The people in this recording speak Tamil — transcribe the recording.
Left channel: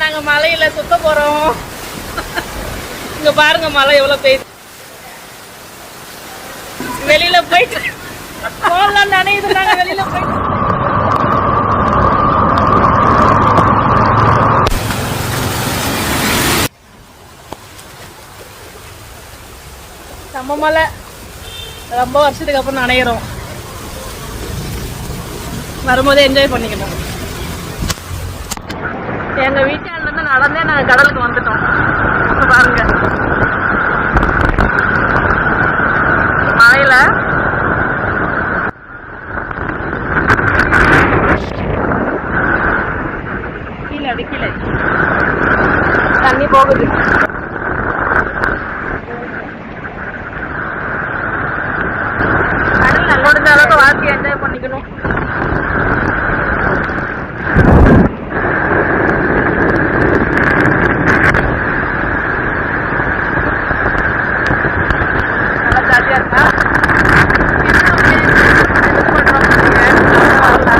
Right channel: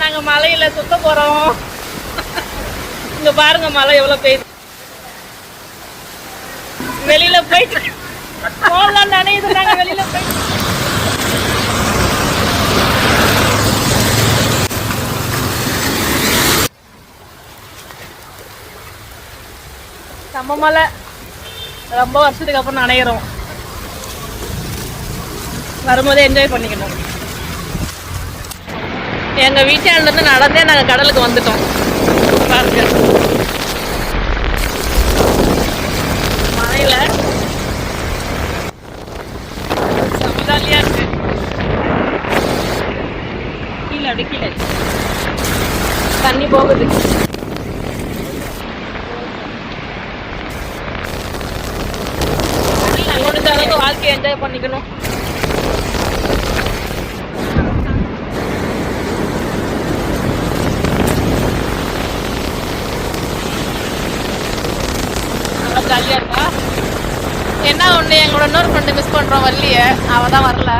நாங்க மலையில சுத்த போறோம். இங்க பாருங்க மழை எவ்வளவு பெய்யுது. வெளியில போயிட்டு போகலாம் நினைது. நாங்க வெளியில போயிட்டு நம்ம மலை ரொம்ப வருஷத்துக்கு அப்புறம் நனைகிறோம். வரும்போதே என்ஜாய் பண்ணிக்கணும். எங்க வீட்டாண்ட இருந்து நடந்தே நாங்க கடலுக்கு வந்துட்டோம். பாருங்க மழையில கீழே அடி கீழே தண்ணி போகுது. முடிஞ்ச அளவுக்கு வாழ்க்கையை என்ஜாய் பண்ணிக்கணும். ஜாலியா இருக்கா? என்ன ஒண்ணு எங்க இன்னொரு ஃப்ரெண்டு மிஸ் பண்றோம். வரலையே, அவதான் வரல.